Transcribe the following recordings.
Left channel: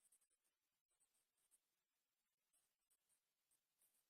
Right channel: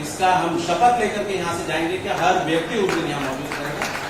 इसका हम शपथ लेकर के यहाँ से जाएंगे कि हर व्यक्ति उस दिन यहाँ मौजूद रहेगा।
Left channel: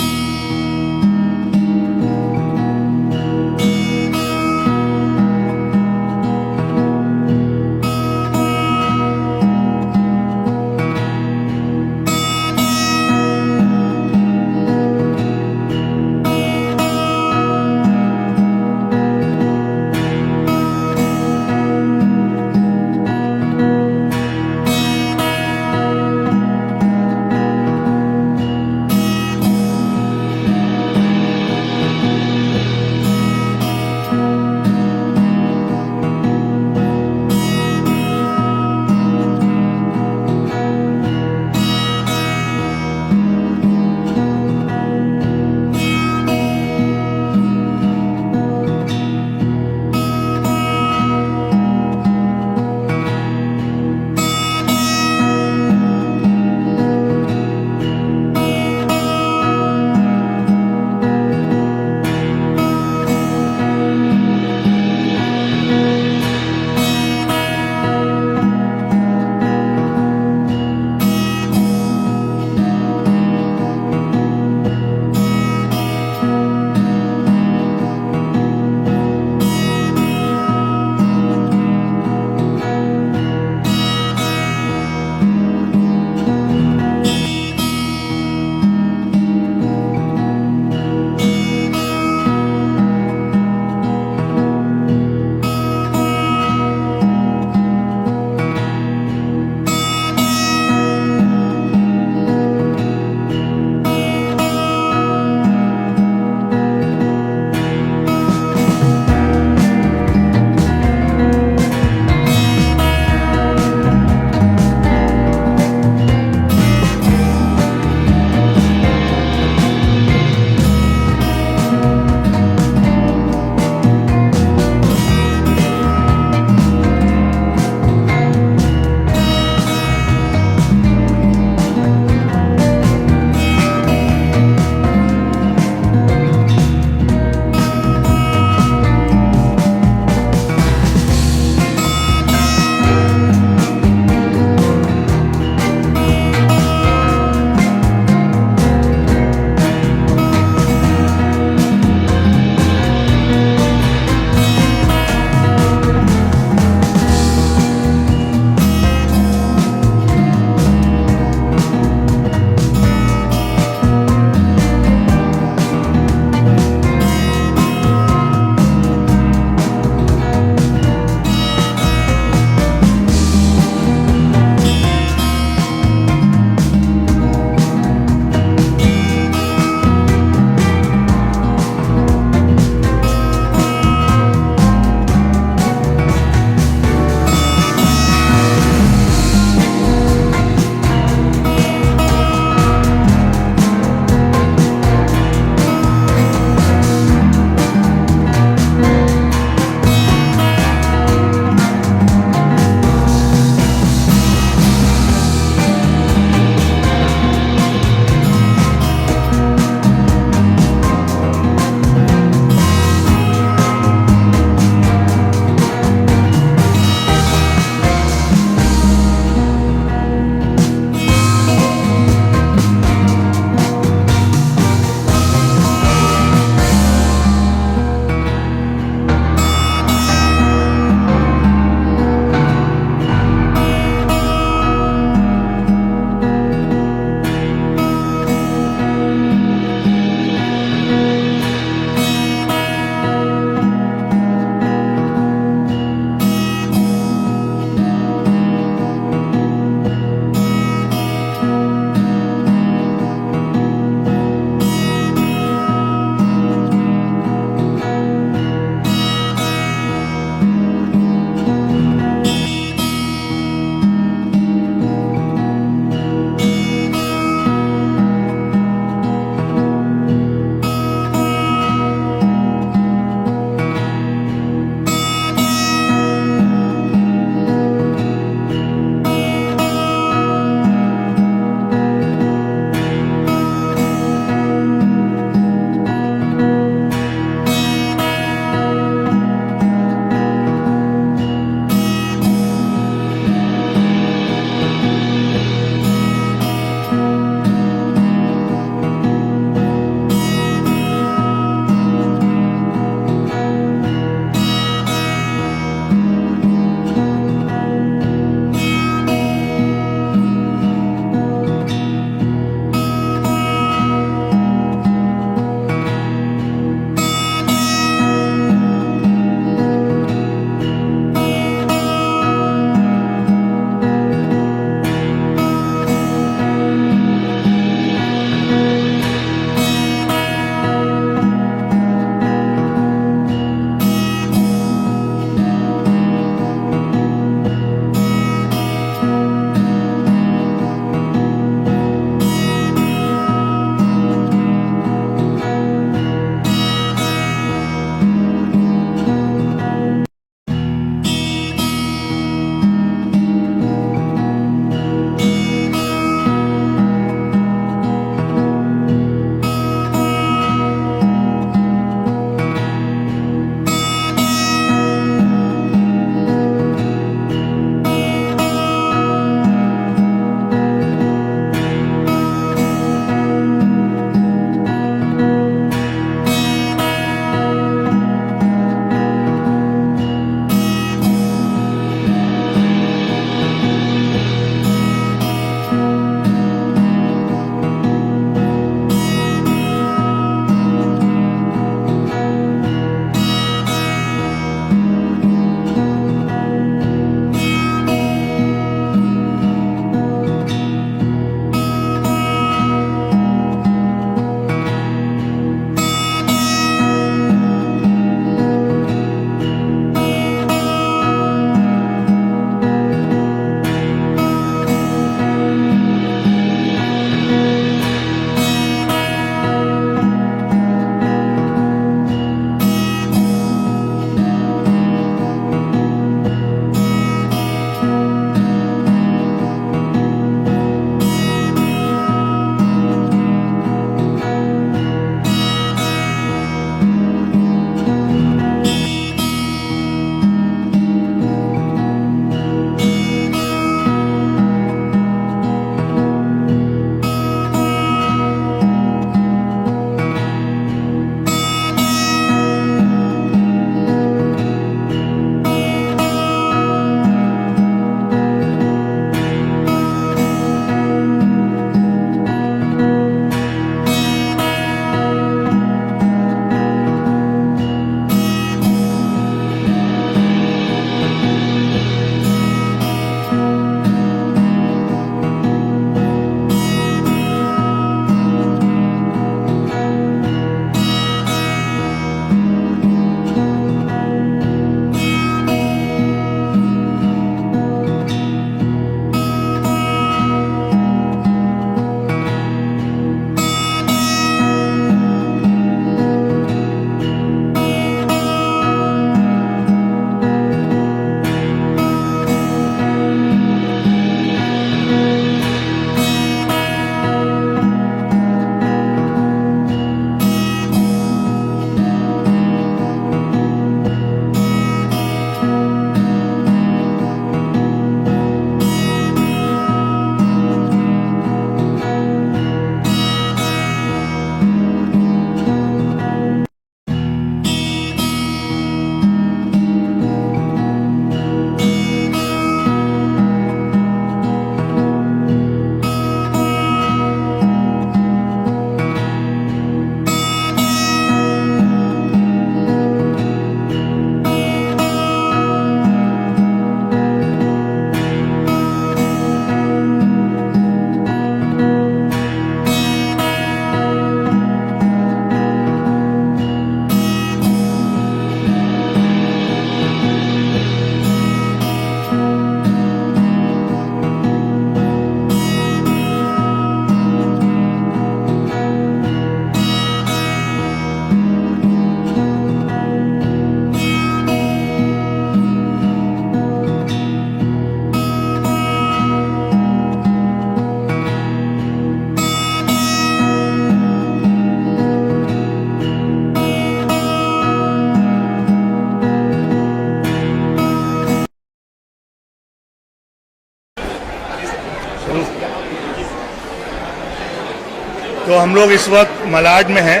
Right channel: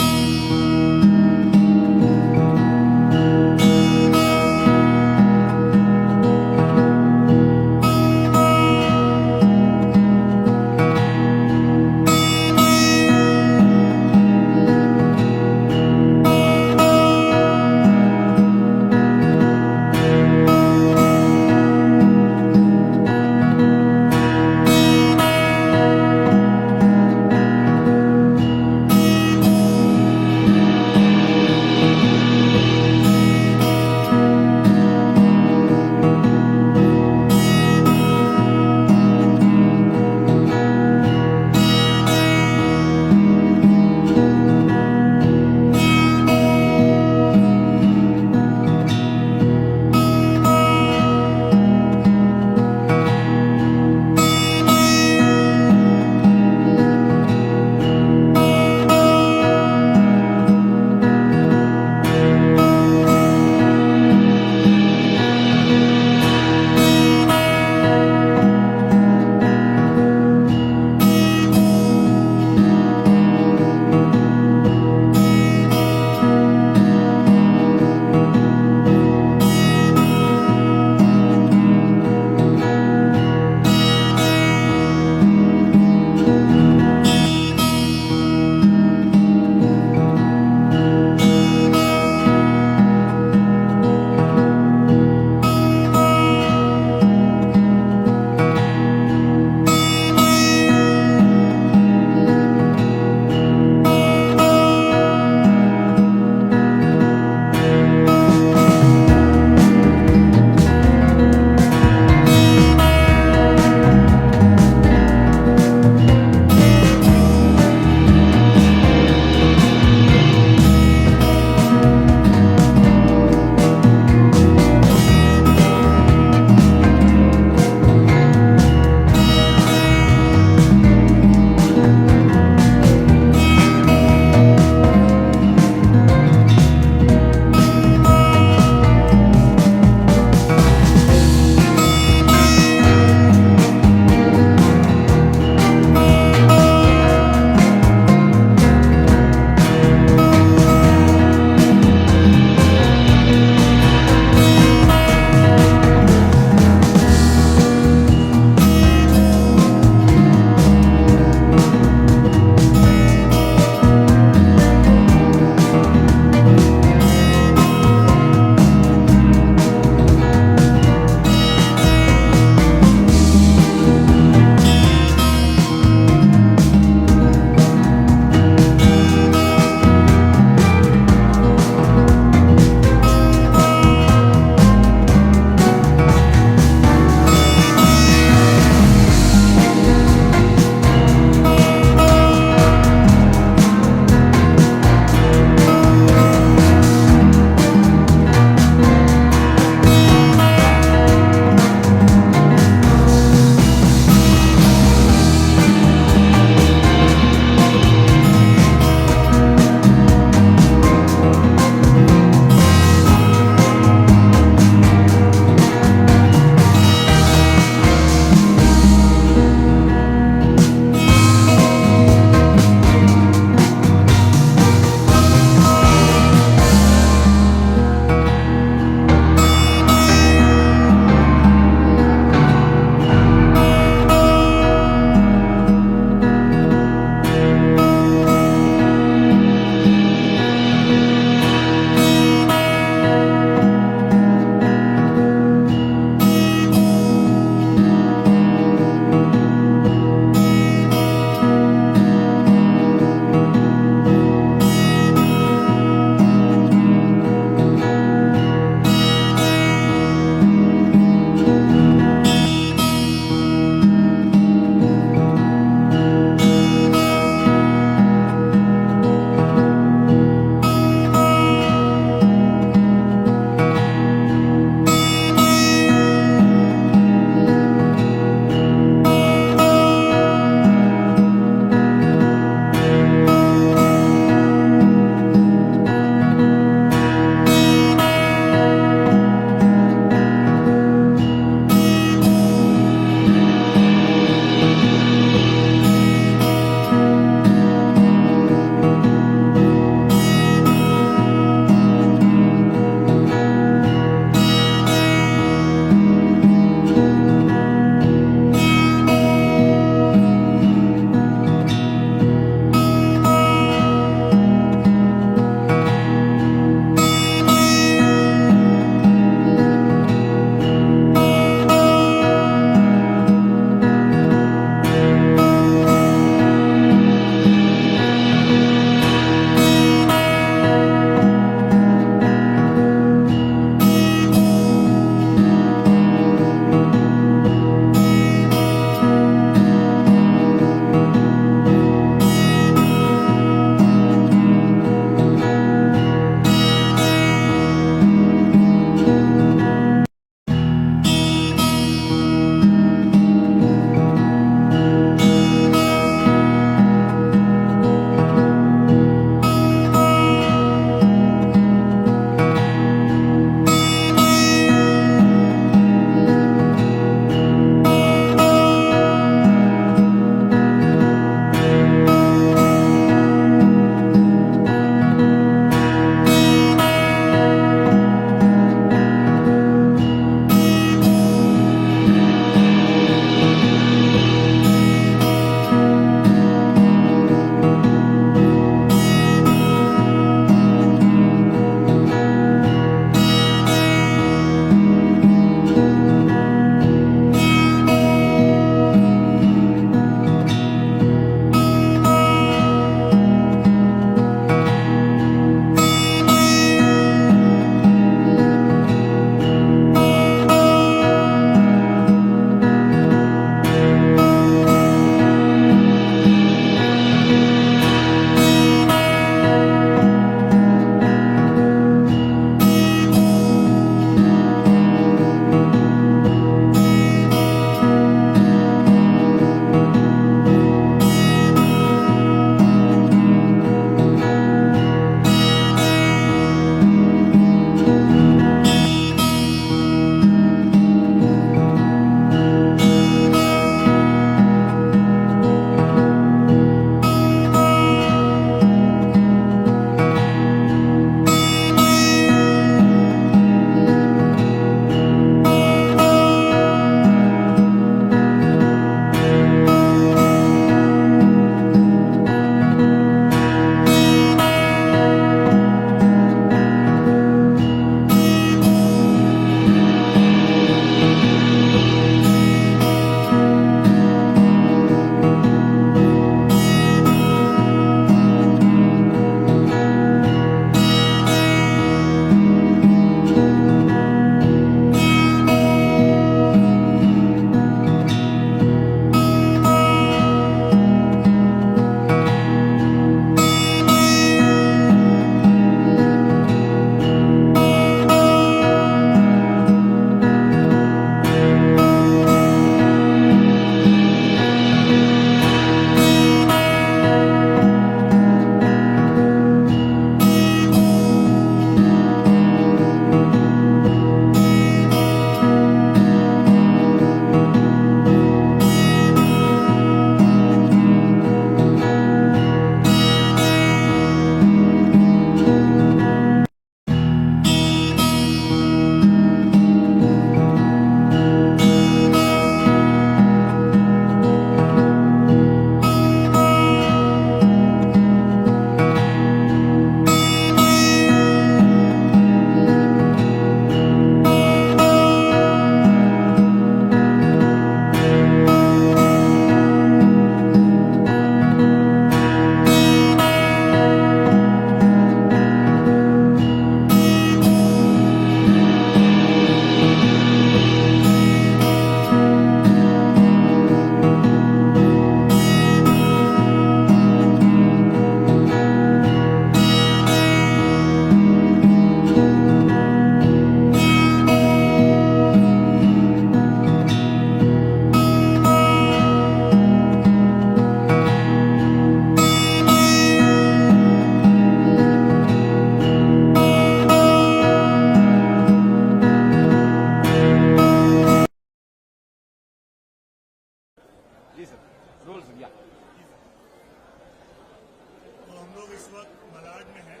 तो हम लोग इस वक्त मलाड में हैं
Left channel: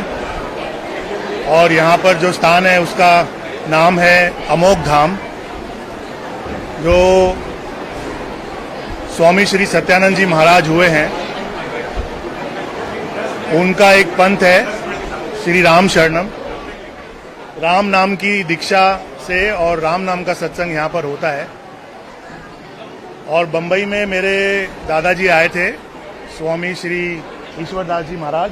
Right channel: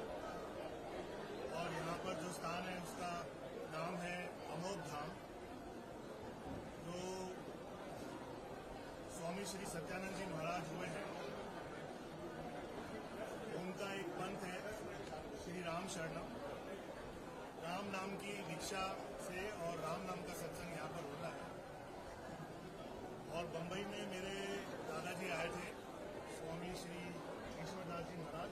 और यहाँ पर जो स्थान है उसका नाम है अमोघ धाम, जो स्वामी श्री सत्यानंद जी महाराज हुए हैं उनका एक पंथ है श्री राम शरणम। राम नाम की दीक्षा से और राम नाम का सत्संग यहाँ पर होता है। और बम्बई में मेरे दादाजी आए थे, स्वामी श्री ईश्वरदास जी महाराज,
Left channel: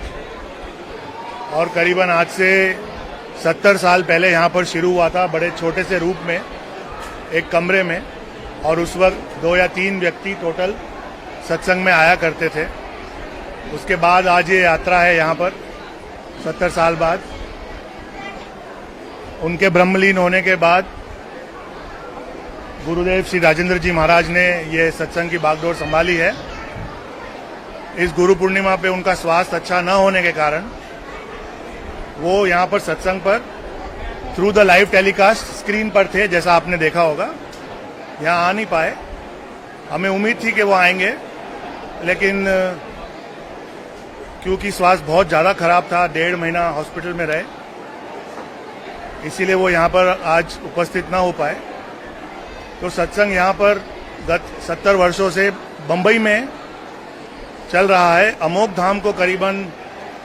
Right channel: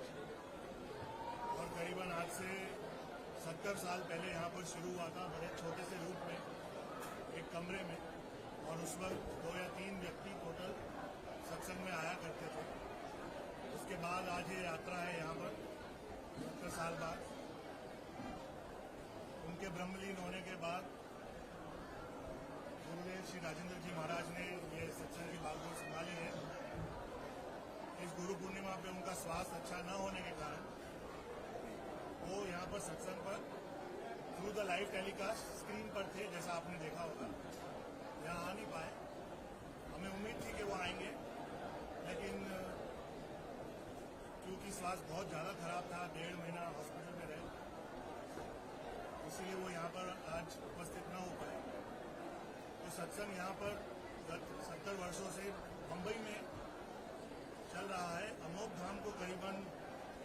और करीबन आज से 70 साल पहले यहाँ पर शुरू हुआ था, बड़े छोटे से रूप में एक कमरे में, और उस वक्त 2 या 3 व्यक्ति टोटल सत्संग में आया करते थे। उसके बाद आज ये यात्रा है यहाँ पर 70 साल बाद। उनके ब्रह्मलीन होने के बाद गुरुदेव श्री राजेंद्र जी महाराज ने ये सत्संग की बागडोर संभाली है। इस गुरु पूर्णिमा पे उनका स्वास्थ्य अच्छा न होने के कारण वो यहाँ पर सत्संग पर through the live telecast screen पर थे, जैसा आपने देखा होगा। यहाँ आ नहीं पाए। हमें उम्मीद थी कि वो आएंगे, लेकिन क्योंकि स्वास्थ्य बहुत ज़्यादा खराब था, 1.5 महीना हॉस्पिटल में रहे, इसीलिए वो यहाँ पर आज उपस्थित ना हो पाए। तो सत्संग यहाँ पर गत 70 वर्षों से बम्बई में चल रहा है। अमोघ धाम को करीबन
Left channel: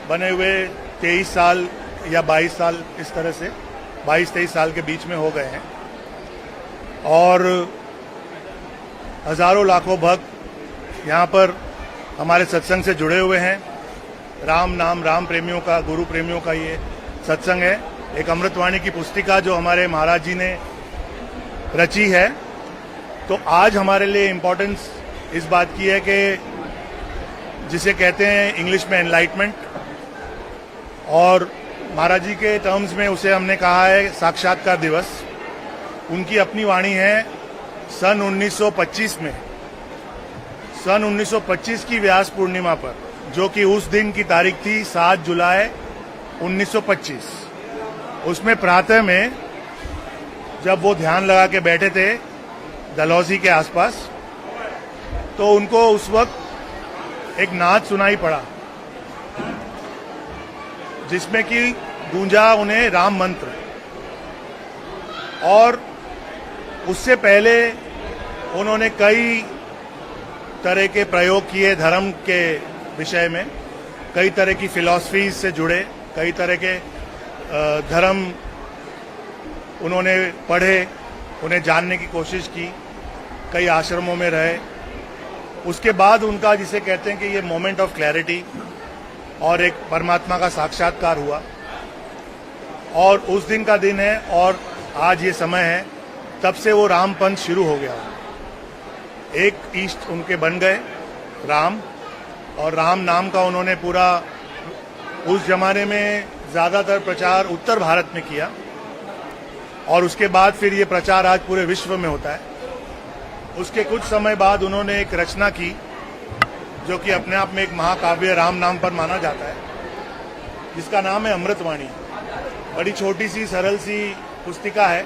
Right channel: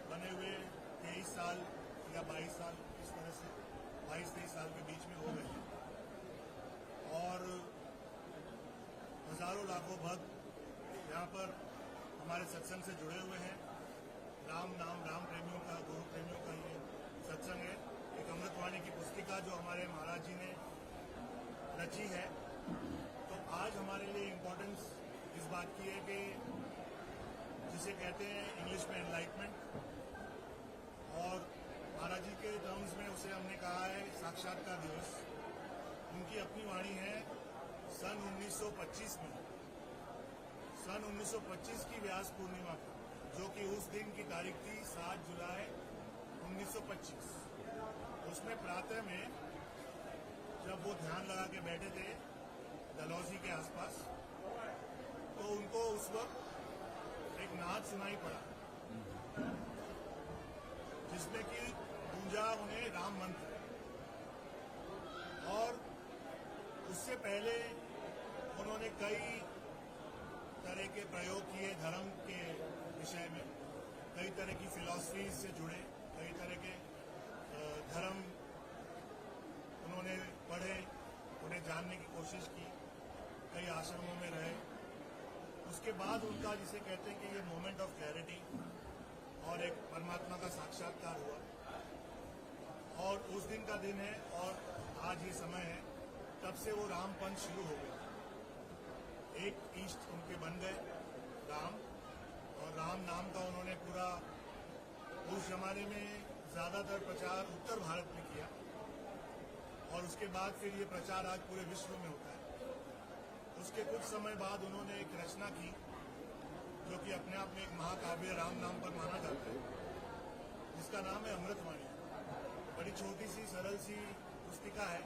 बने हुए 23 साल या 22 साल, इस तरह से 22-23 साल के बीच में हो गए हैं, और हजारों लाखों भक्त यहाँ पर हमारे सत्संग से जुड़े हुए हैं। राम नाम, राम प्रेमियों का, गुरु प्रेमियों का ये सत्संग है। एक अमृतवाणी की पुस्तिका जो हमारे महाराज जी ने रची है। तो आज हमारे लिए इम्पोर्टेंस इस बात की है कि जिसे कहते हैं इंग्लिश में एनलाइटमेंट, और महाराज जी के टर्म्स में उसे हमने कहा है साक्षात्कार दिवस। उनकी अपनी वाणी है सन 1925 में, सन 1925 की व्यास पूर्णिमा पर, जो कि उस दिन की तारीख थी 7 जुलाई 1925। उसमें प्रातः में जब वो ध्यान लगा के बैठे थे डलहौजी के आसपास, तो उनको उस वक्त एक नाद सुनाई पड़ा जिसमें कि गूंजा उन्हें राम मंत्र। और उससे पहले उन्होंने कई तरह के प्रयोग किए धर्म के विषय में, कई तरह की फिलॉसफीज से जुड़े, कई तरह के धर्म उन्होंने पढ़े, उन्हें जानने की कोशिश की, कई आश्रमों में रहे। उसके बाद उनका, जिसे कहते हैं कि ये मोमेंट ऑफ क्लैरिटी और एक परमात्मा का साक्षात्कार हुआ, और उस दिन का दिन है और आज ये समय है। तब से वो राम पंथ शुरू हो गया। एक इष्ट उनके बन गए राम, और राम नाम का उन्होंने पूरा उस जमाने में ज़्यादातर प्रचार उत्तर भारत में किया, और उसके बाद फिर ये प्रचार आज पूरे विश्व में होता है। उसके कुछ समय बाद उन्होंने एक रचना की जो कि अपने आप में एक महाकाव्य राम नाम पर माना जाता है, जिसका नाम है अमृतवाणी। बड़ी छोटी सी सरल सी पुस्तिका है,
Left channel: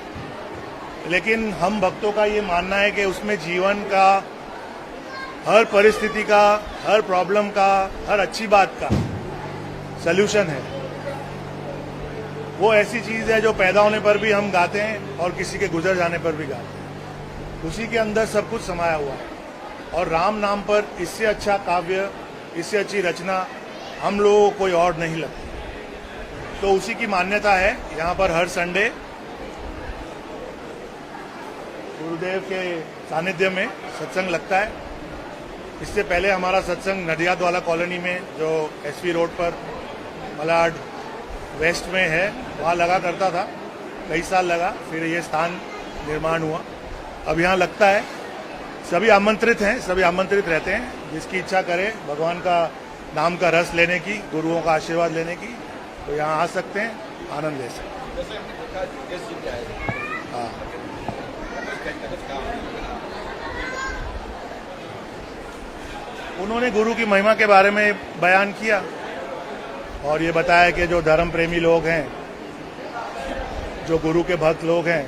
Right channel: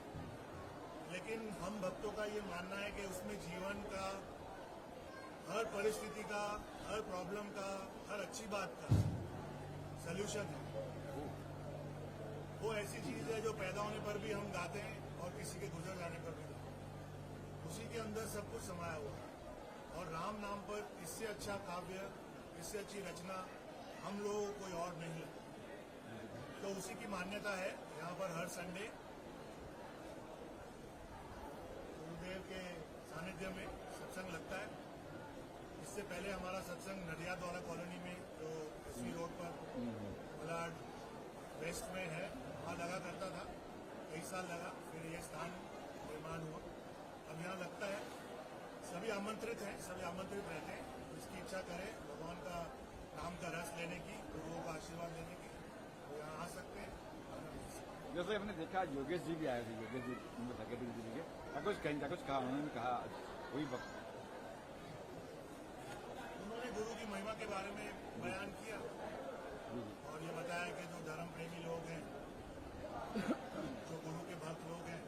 लेकिन हम भक्तों का ये मानना है कि उसमें जीवन का, हर परिस्थिति का, हर प्रॉब्लम का, हर अच्छी बात का सल्यूशन है। वो ऐसी चीज है जो पैदा होने पर भी हम गाते हैं और किसी के गुजर जाने पर भी गाते हैं। उसी के अंदर सब कुछ समाया हुआ है, और राम नाम पर इससे अच्छा काव्य, इससे अच्छी रचना हम लोगों को कोई और नहीं लगती। तो उसी की मान्यता है। यहाँ पर हर संडे गुरुदेव के सानिध्य में सत्संग लगता है। इससे पहले हमारा सत्संग नडियाद वाला कॉलोनी में, जो एसवी रोड पर मलाड वेस्ट में है, वहाँ लगा करता था। कई साल लगा, फिर ये स्थान निर्माण हुआ, अब यहाँ लगता है। सभी आमंत्रित हैं, सभी आमंत्रित रहते हैं। जिसकी इच्छा करे भगवान का नाम का रस लेने की, गुरुओं का आशीर्वाद लेने की, तो यहाँ आ सकते हैं, आनंद ले सकते हैं। जैसे हमने देखा योगेश जी भी आए थे। हाँ, उन्होंने गुरु की महिमा के बारे में बयान किया और ये बताया कि जो धर्म प्रेमी लोग हैं, जो गुरु के भक्त लोग हैं,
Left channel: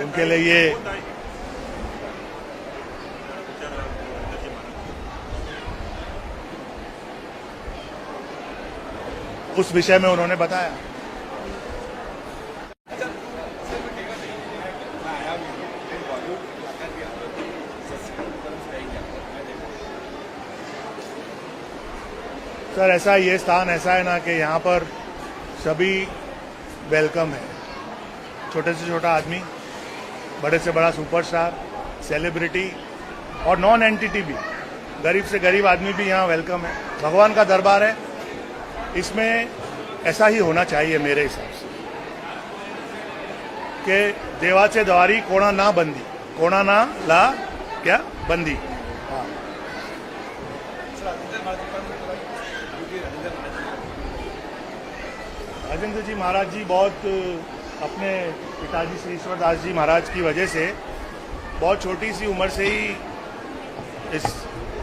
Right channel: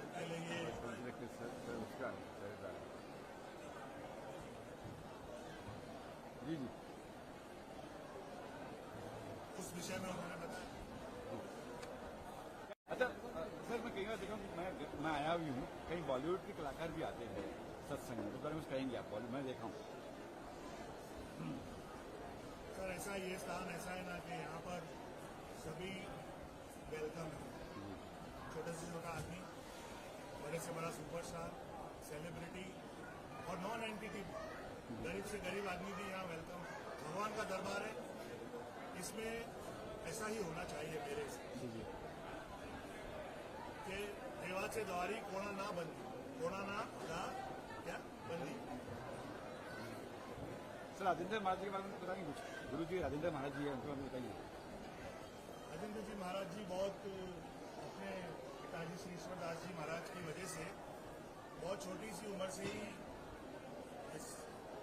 उनके लिए ये उस विषय में उन्होंने बताया। सर ऐसा ये स्थान ऐसा है ना कि यहाँ पर सभी वेलकम है, छोटे से छोटा आदमी, बड़े से बड़ा सुपरस्टार, सेलिब्रिटी और नॉन एंटिटी भी, गरीब से गरीब आदमी भी यहाँ वेलकम है। भगवान का दरबार है, इसमें ऐसा ही होना चाहिए मेरे हिसाब से कि देवाचे द्वारी कोणा ना बंदी, कोणा ना ला क्या बंदी। हाँ राजेंद्र जी महाराज जी बहुत अपने पिताजी श्री ईश्वरदास जी महाराज की वजह से बहुत छोटी सी उम्र से ही इस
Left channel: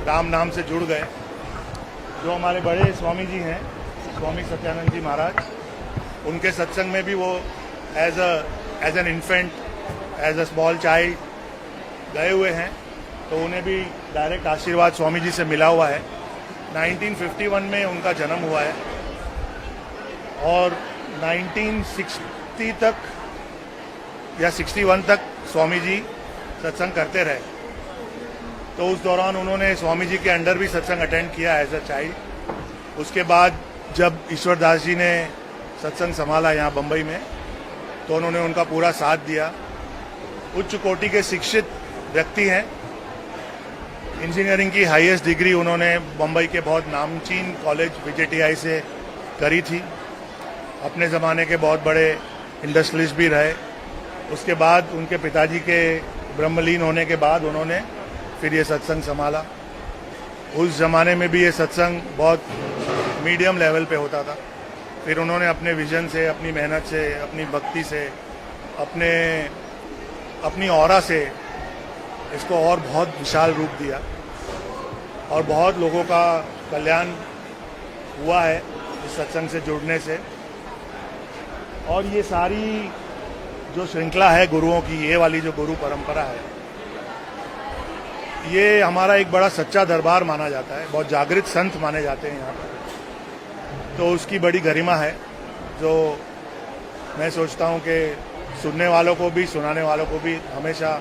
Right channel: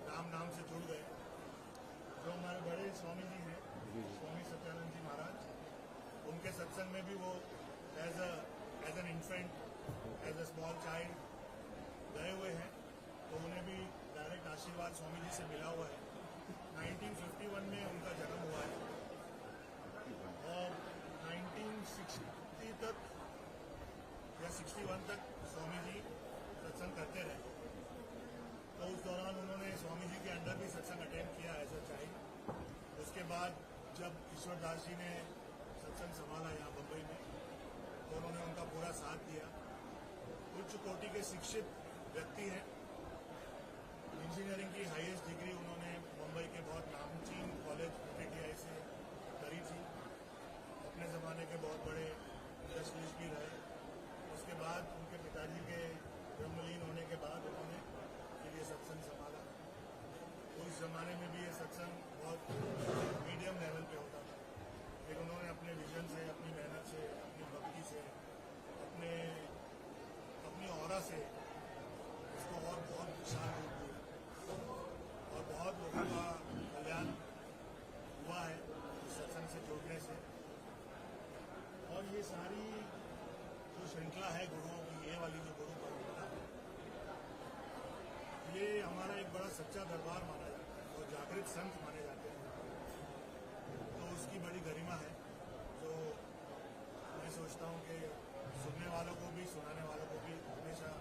राम नाम से जुड़ गए। जो हमारे बड़े स्वामी जी हैं, स्वामी सत्यानंद जी महाराज, उनके सत्संग में भी वो as an infant, as a small child गए हुए हैं, तो उन्हें भी डायरेक्ट आशीर्वाद स्वामी जी से मिला हुआ है। 1951 में उनका जन्म हुआ है और 1960 तक या 61 तक स्वामी जी सत्संग करते रहे। तो उस दौरान उन्होंने स्वामी जी के अंडर भी सत्संग अटेंड किया एज अ चाइल्ड। उसके बाद जब ईश्वरदास जी ने सत्संग संभाला यहाँ बम्बई में, तो उन्होंने उनका पूरा साथ दिया। उच्च कोटि के शिक्षित व्यक्ति हैं, इंजीनियरिंग की हाईएस्ट डिग्री उन्होंने बम्बई के बहुत नामचीन कॉलेज VJTI से करी थी। अपने ज़माने के बहुत बड़े इंडस्ट्रियलिस्ट भी रहे। उसके बाद उनके पिताजी के ब्रह्मलीन होने के बाद उन्होंने फिर ये सत्संग संभाला। उस ज़माने में भी ये सत्संग बहुत मीडियम लेवल पे होता था। फिर उन्होंने अपने विजन से, अपनी मेहनत से, अपनी भक्ति से, अपनी ऑरा से इसको और बहुत विशाल रूप दिया और बहुत लोगों का कल्याण हुआ है इस सत्संग से जुड़ने से। और ये सारी जो श्रृंखला है गुरुओं की, ये वाली जो गुरु परंपरा है, ये हमारा एक बड़ा सच्चा दरबार माना जाता है। बहुत जागृत संत माने जाते हैं यहाँ पर, तो उसकी बड़ी गरिमा है जो मैं सोचता हूँ कि सुनने वालों को भी, सुनाने वालों को भी हमेशा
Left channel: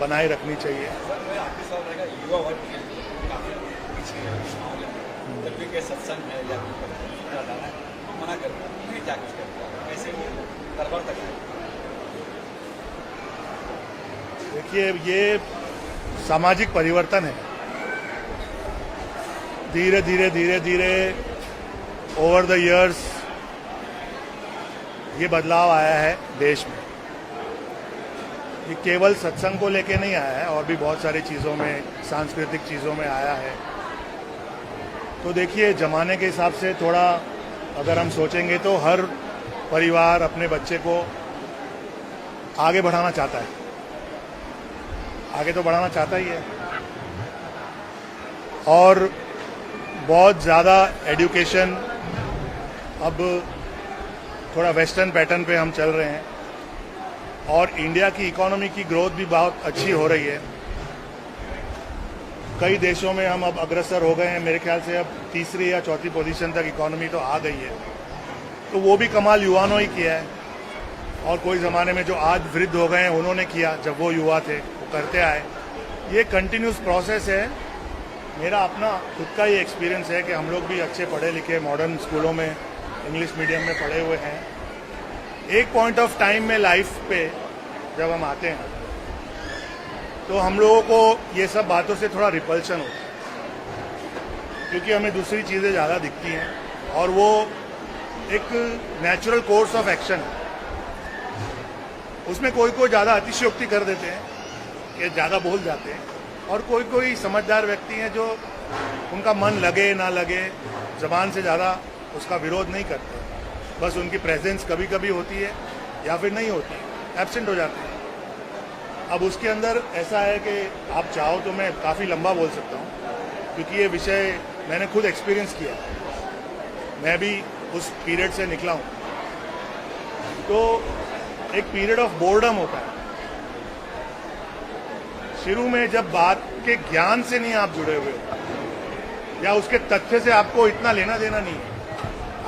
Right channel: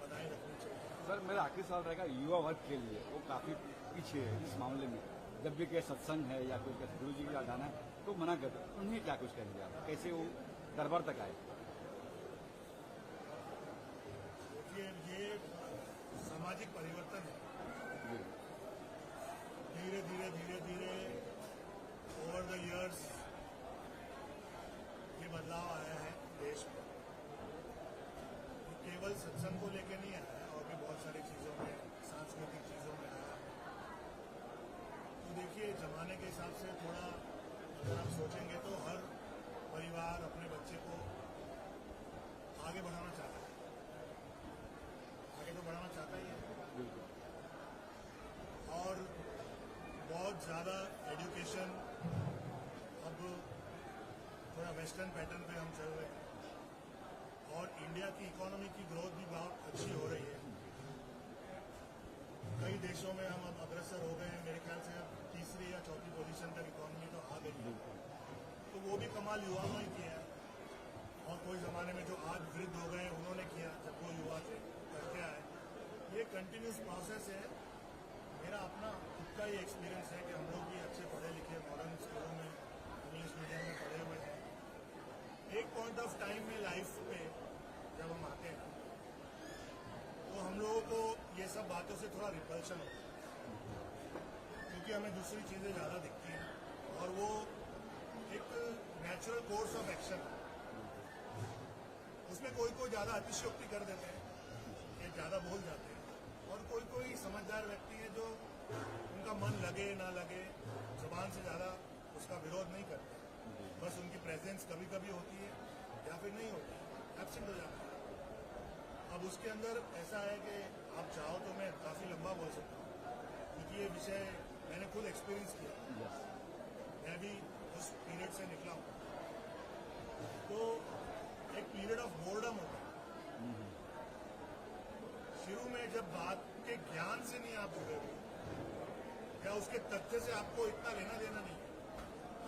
बनाए रखनी चाहिए। युवा वर्ग के लिए काफी पीछे है इस मामले में। जब भी कोई सत्संग है या कोई जाना है तो मना करता है, उन्हें क्या कुछ करता है, कैसे वो दरबार तक आए। देखिए, ये सामाजिक परिवर्तन है। धीरे धीरे ओवर द इयर्स ये बदलाव आया है देश में। ये केवल सत्संग को लेके नहीं आया है, और भी बहुत सारी चीज़ों में, सांस्कृतिक चीज़ों में आया है। तो देखिए, ज़माने के हिसाब से थोड़ा अगर हम सोचेंगे तो हर परिवार अपने बच्चे को आगे बढ़ाना चाहता है, आगे तो बढ़ाना चाहता ही है। और बहुत ज़्यादा एजुकेशन, अब थोड़ा वेस्टर्न पैटर्न पे हम चल रहे हैं और इंडिया की इकोनॉमी की ग्रोथ भी बहुत अच्छी हो रही है। कई देशों में हम अब अग्रसर हो गए हैं। मेरे ख्याल से अब तीसरी या चौथी पोजीशन तक इकोनॉमी तो आ गई है। तो वो भी कमाल युवाओं ही किया है, और कोई ज़माने में जो आज वृद्ध हो गए हैं उन्होंने किया, जब वो युवा थे वो करते आए। ये कंटिन्यूस प्रोसेस है। मेरा अपना खुद का ये एक्सपीरियंस है कि हम लोग भी अच्छे पढ़े लिखे मॉडर्न स्कूलों में, इंग्लिश मीडियम में पढ़े हुए हैं। एक पॉइंट ऑफ टाइम में लाइफ पे जब हम आते हैं तो हम लोगों को ये सब बातों से थोड़ा रिपल्शन होता है, क्योंकि हमें दूसरी चीज़ें ज़्यादा दिखती हैं और वो एक नेचुरल कोर्स ऑफ एक्शन है। उसमें कोई ज़्यादा अतिशयोक्ति कर देते हैं कि ज़्यादा बोल जाते हैं, और कोई समझदार व्यक्ति हैं जो उनका मन लगे ना लगे ज़बान से ज़्यादा उसका विरोध नहीं करते, बस उनकी प्रेजेंस कभी कभी होती है या फिर नहीं होती, एब्सेंट हो जाते हैं। अब उसके अंदर ऐसा है कि आप चाहो तो मैं काफ़ी लंबा बोल सकता हूँ, क्योंकि ये विषय मैंने खुद एक्सपीरियंस किया, मैं भी उस पीरियड से निकला हूँ। तो एक पीरियड ऑफ बोर्डम होता है शुरू में, जब बात के ज्ञान से नहीं आप जुड़े हुए हो या उसके तथ्य से आपको इतना लेना देना नहीं है,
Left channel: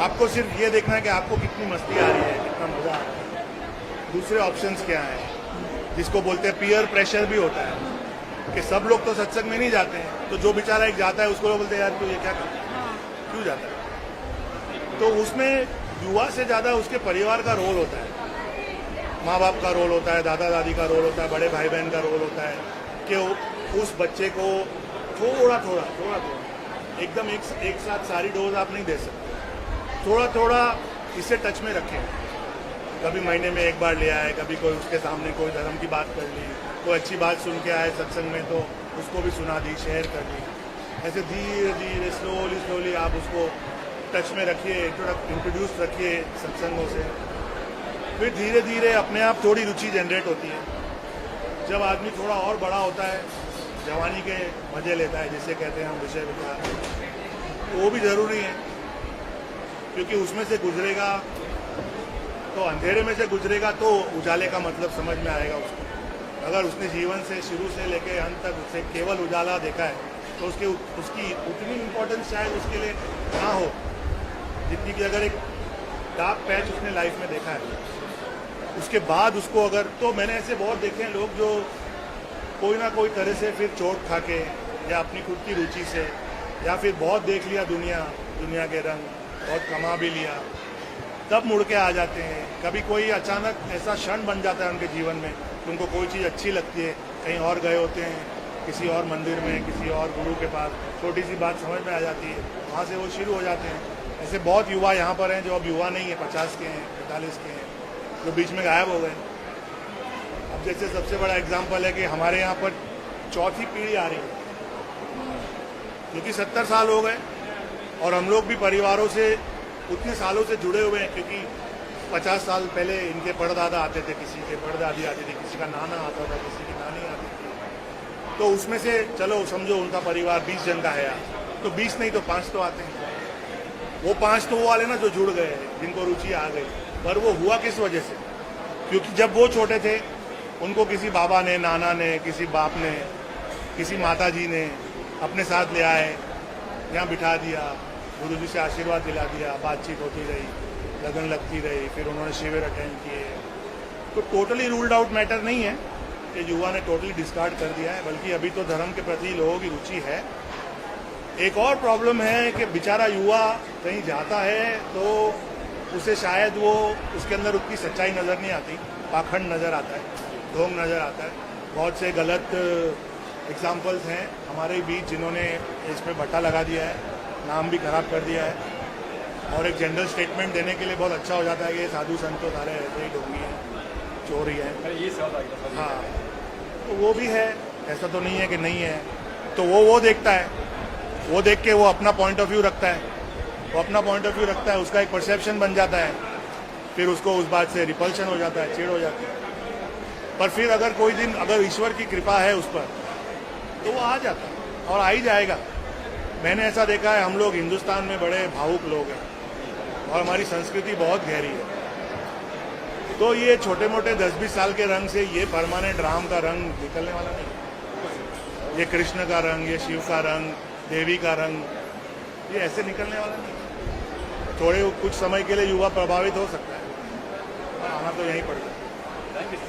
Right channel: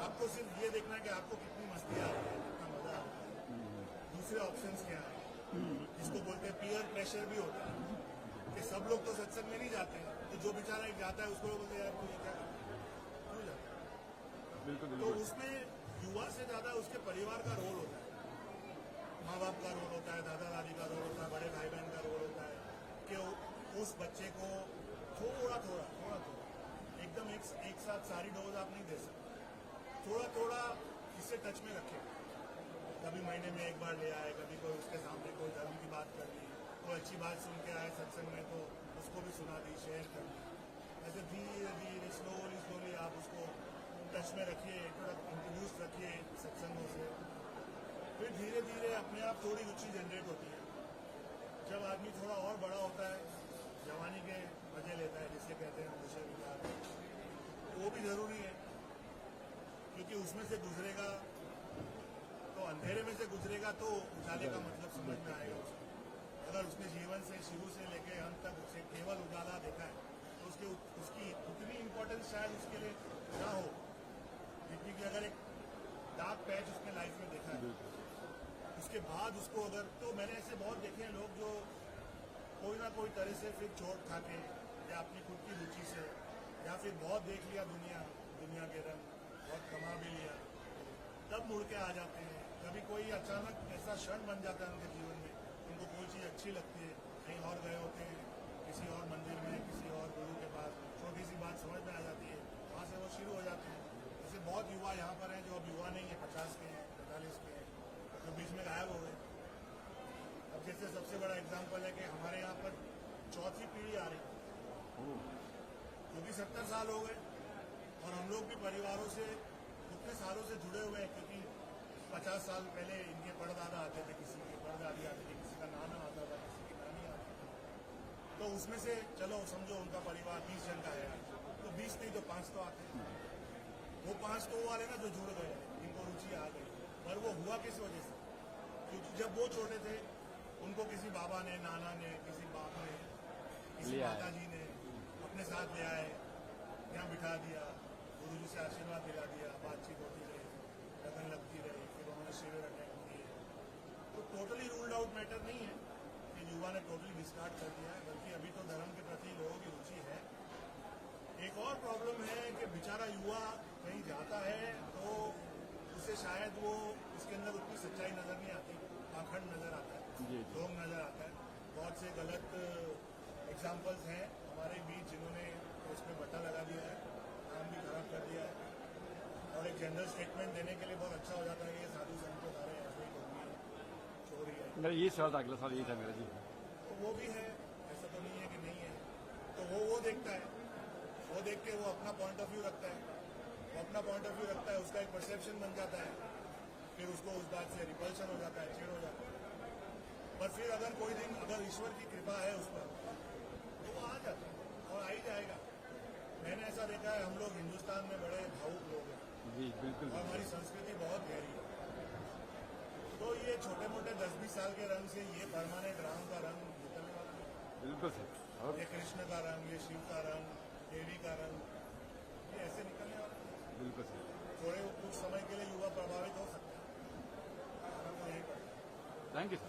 आपको सिर्फ ये देखना है कि आपको कितनी मस्ती आ रही है, कितना मजा आ रहा है। दूसरे ऑप्शंस क्या हैं, जिसको बोलते हैं पीयर प्रेशर भी होता है कि सब लोग तो सत्संग में नहीं जाते हैं, तो जो बेचारा एक जाता है उसको लोग बोलते हैं यार तू ये क्या करता है, क्यों जाता है। तो उसमें युवा से ज्यादा उसके परिवार का रोल होता है, माँ बाप का रोल होता है, दादा दादी का रोल होता है, बड़े भाई बहन का रोल होता है कि उस बच्चे को थोड़ा थोड़ा एकदम एक साथ सारी डोज आप नहीं दे सकते, थोड़ा थोड़ा इसे टच में रखें। कभी महीने में एक बार ले आए, कभी कोई उसके सामने कोई धर्म की बात कर ली, कोई अच्छी बात सुन के आए सत्संग में तो उसको भी सुना दी, शेयर कर दी। ऐसे धीरे धीरे स्लोली आप उसको टच में रखिए, इंट्रोड्यूस रखिए सत्संगों से। फिर धीरे धीरे अपने आप थोड़ी रुचि जनरेट होती है। जब आदमी थोड़ा और बड़ा होता है, जवानी के मजे लेता है जिसे कहते हैं हम विषय विचार, वो भी जरूरी है, क्योंकि उसमें से गुजरेगा तो अंधेरे में से गुजरेगा तो उजाले का मतलब समझ में आएगा उसको। अगर उसने जीवन से शुरू से लेकर अंत तक उसे केवल उजाला देखा है तो उसकी उतनी इम्पोर्टेंस शायद उसके लिए ना हो जितनी कि अगर एक डार्क पैच उसने लाइफ में देखा है। उसके बाद उसको अगर, तो मैंने ऐसे बहुत देखे हैं लोग जो कोई ना कोई तरह से फिर चोट खा के या अपनी खुद की रुचि से या फिर बहुत देख लिया दुनिया के रंग, बहुत कमा भी लिया, तब मुड़ के आ जाते हैं। कभी कोई अचानक ऐसा क्षण बन जाता है उनके जीवन में कि उनको कोई चीज़ अच्छी लगती है, कहीं और गए होते हैं, किसी और मंदिर में, किसी और गुरु के पास, छोटी सी बात समझ में आ जाती है, वहाँ से वो शुरू हो जाते हैं। ऐसे बहुत युवा यहाँ पर हैं जो अब युवा नहीं है, 50 के हैं, 45 के हैं, जो बीच में गायब हो गए। अब जैसे सबसे बड़ा एग्जाम्पल है कि हमारे यहाँ पर चौथी पीढ़ी आ रही है, क्योंकि 70 साल हो गए और हम लोग भी परिवारों से उतने सालों से जुड़े हुए हैं, क्योंकि 50 साल पहले इनके परदादा आते थे, किसी के परदादी आती थी, किसी का नाना आता था, किसी की नानी आती थी। तो उसमें से चलो समझो उनका परिवार 20 जन का है, तो 20 नहीं तो 5 तो आते हैं। वो 5 तो वो वाले ना जो जुड़ गए, जिनको रुचि आ गई। पर वो हुआ किस वजह से? क्योंकि जब वो छोटे थे उनको किसी बाबा ने, नाना ने, किसी बाप ने, किसी माता जी ने अपने साथ ले आए, यहाँ बिठा दिया, गुरु जी से आशीर्वाद दिला दिया, बातचीत होती रही, लगन लगती रही, फिर उन्होंने शिविर अटेंड किए। तो टोटली रूल्ड आउट मैटर नहीं है कि युवा ने टोटली डिस्कार्ड कर दिया है, बल्कि अभी तो धर्म के प्रति लोगों की रुचि है। एक और प्रॉब्लम है कि बेचारा युवा कहीं जाता है तो उसे शायद वो उसके अंदर उतनी सच्चाई नज़र नहीं आती, पाखंड नज़र आता है, ढोंग नज़र आता है। बहुत से गलत एग्जाम्पल्स हैं हमारे बीच जिन्होंने इस पर बट्टा लगा दिया है, नाम भी खराब कर दिया है, और एक जनरल स्टेटमेंट देने के लिए बहुत अच्छा हो जाता है कि साधु संत तो सारे ऐसे ही ढोंगी हैं, चोर ही हैं। मैंने ये सवाल आ गया। हाँ, तो वो भी है, ऐसा तो नहीं है कि नहीं है। तो वो देखता है, वो देख के वो अपना पॉइंट ऑफ व्यू रखता है, वो अपना पॉइंट ऑफ व्यू रखता है, उसका एक परसेप्शन बन जाता है, फिर उसको उस बात से रिपल्शन हो जाता है, चिढ़ हो जाती है। पर फिर अगर कोई दिन अगर ईश्वर की कृपा है उस पर तो वो आ जाता है और आ ही जाएगा। मैंने ऐसा देखा है, हम लोग हिंदुस्तान में बड़े भावुक लोग हैं और हमारी संस्कृति बहुत गहरी है। तो ये छोटे मोटे 10-20 साल के रंग से ये परमानेंट राम का रंग निकलने वाला नहीं, ये कृष्ण का रंग, ये शिव का रंग, देवी का रंग, ये ऐसे निकलने वाला नहीं। थोड़े कुछ समय के लिए युवा प्रभावित हो सकता है, आना तो यहीं पड़ता है। Thank you.